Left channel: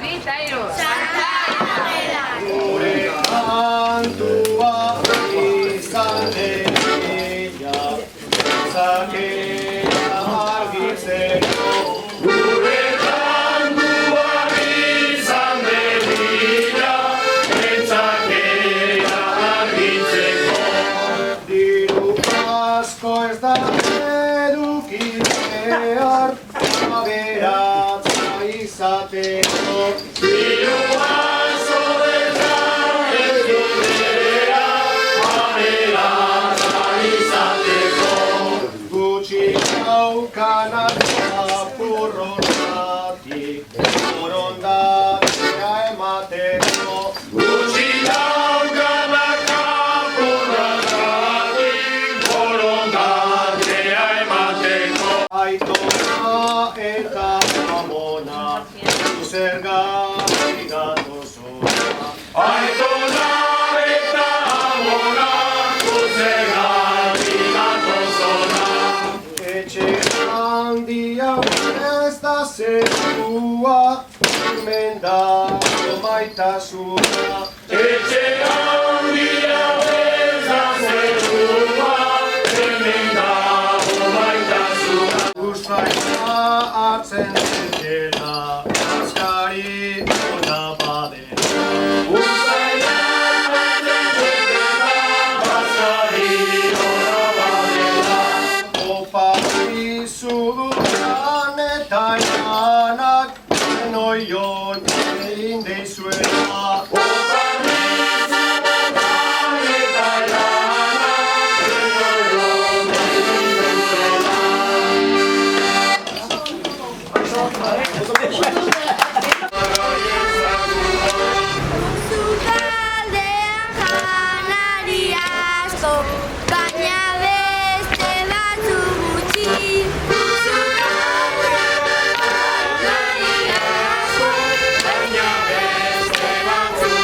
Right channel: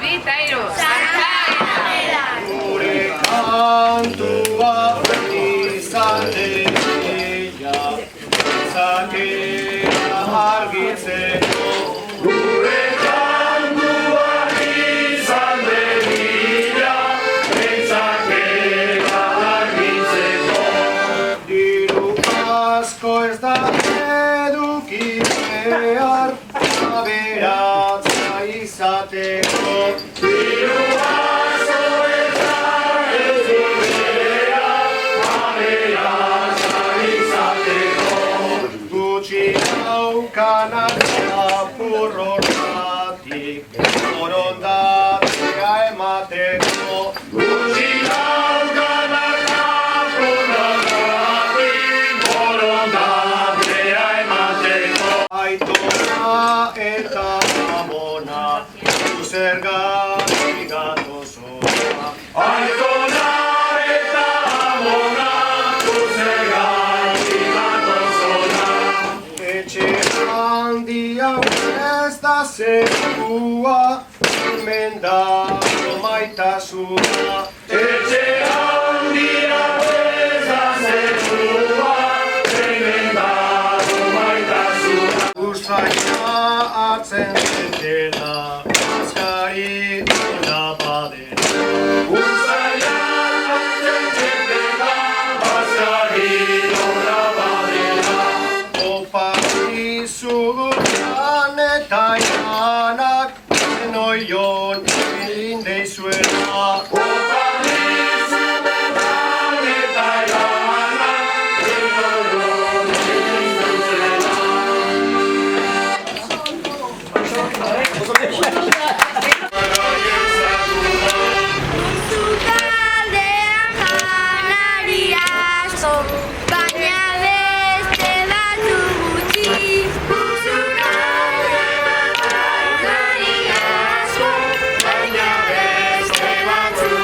bi eta hiru. Gure kantua izan deia, zakera argitzeko. Gure kantua izan deia, zakera argitzeko. Diru asko ez da eduki behar, aberatza izateko. Diru asko ez da eduki behar, aberatza izateko. Gutxi daukanak apur hortatik, borondatea emateko. Gutxi daukanak apur hortatik, borondatea emateko. Aitona eta amona, zergatik gatozona. Aitona eta amona, zergatik gatozona. Etxe handia ez da zerua, hemen dago maitasuna. Etxe handia ez da zerua, hemen dago maitasuna. Usaina hartzen zetela, azkari ona badela. Usaina hartzen zetela, azkari ona badela. Opa izuguran eta inanak, enoion egin deizuela. Opa izuguran eta inanak, enoion egin deizuela. Taldean janari asko, baina beste batzuk gutxi. Taldean janari asko, baina beste batzuk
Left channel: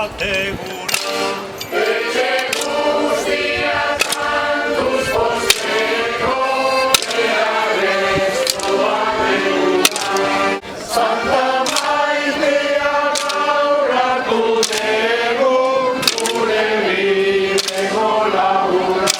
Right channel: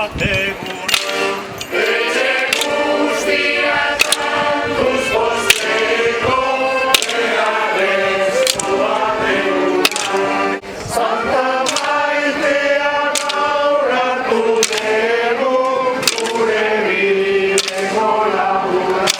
bateguna. Etxe guztiak kantuz posteko, beharrezko bateguna. Santa Maitea gauratu dugu, gure bideko laguna.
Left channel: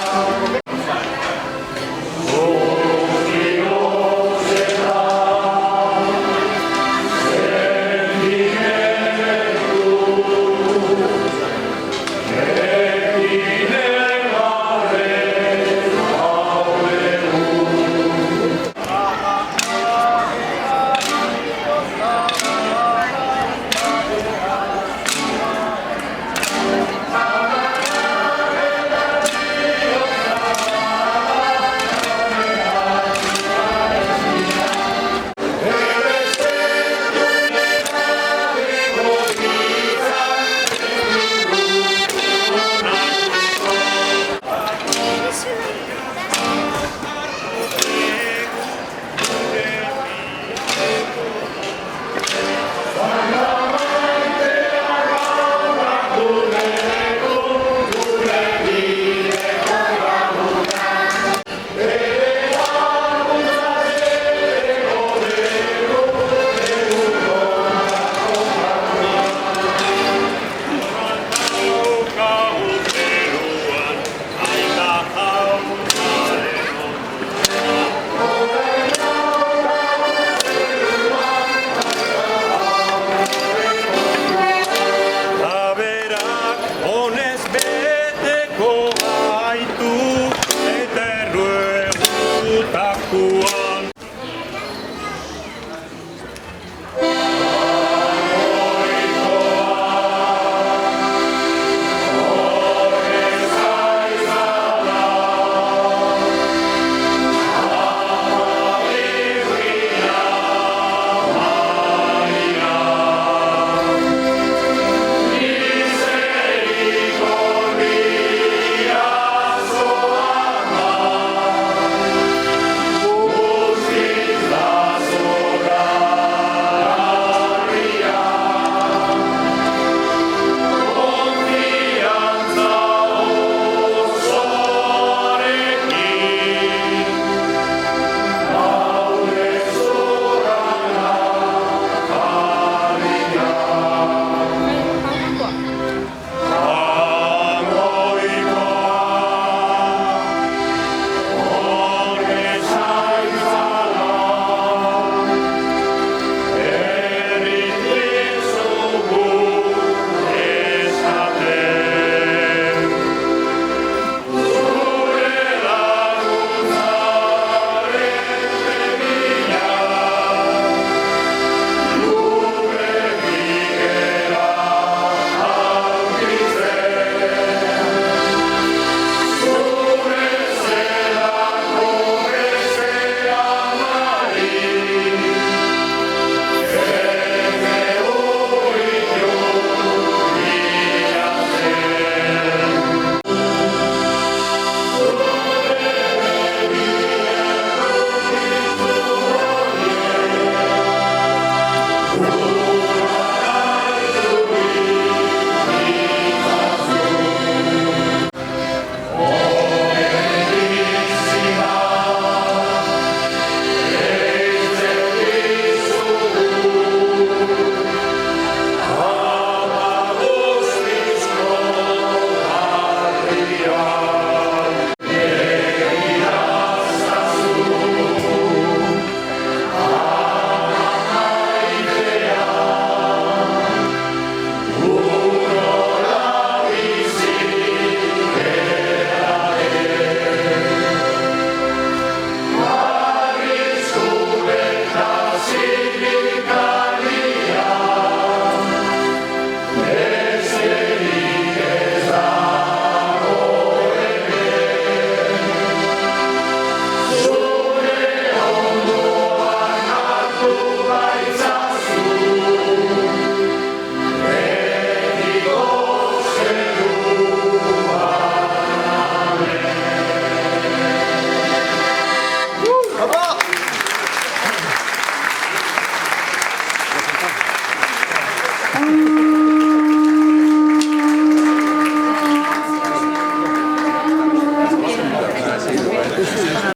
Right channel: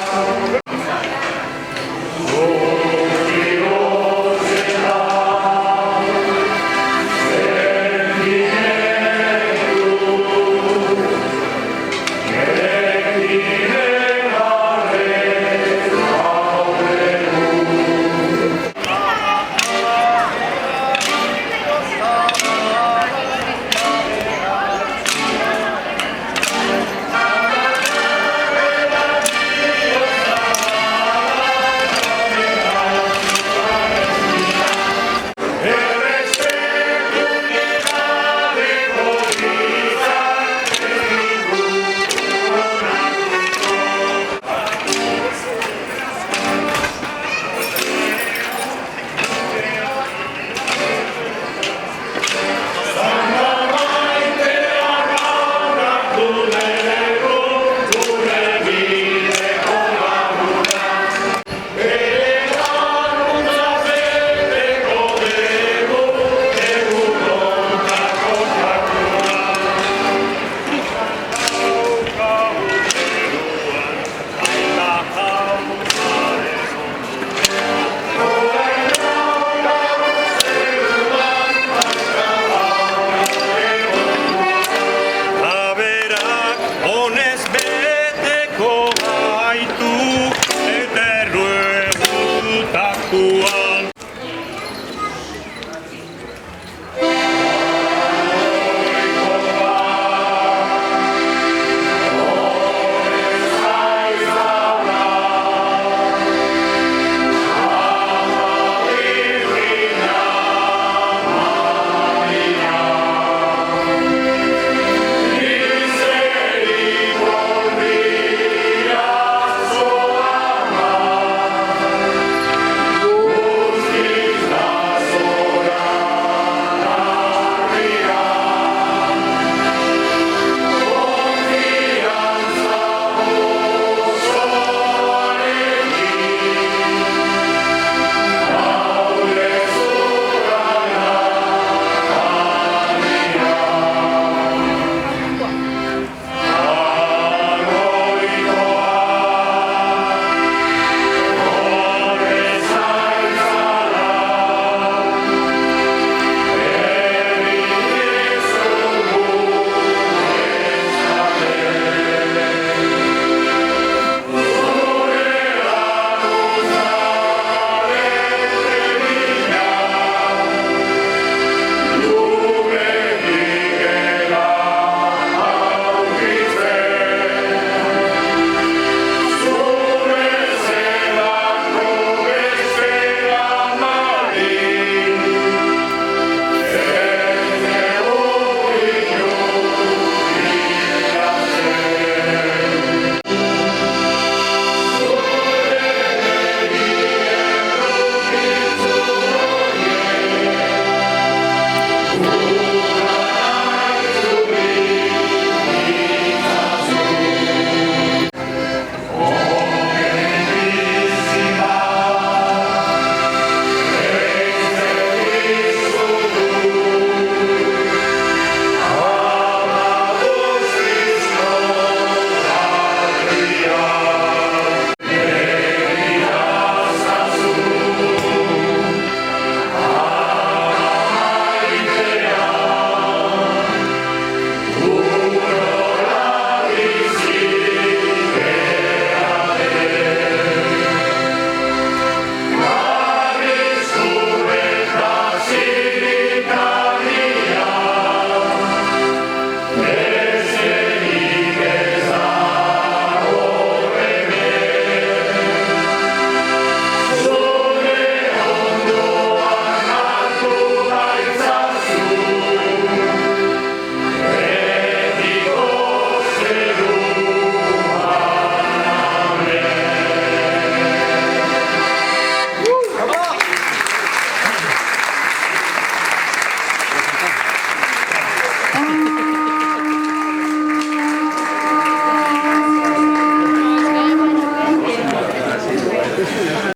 Hala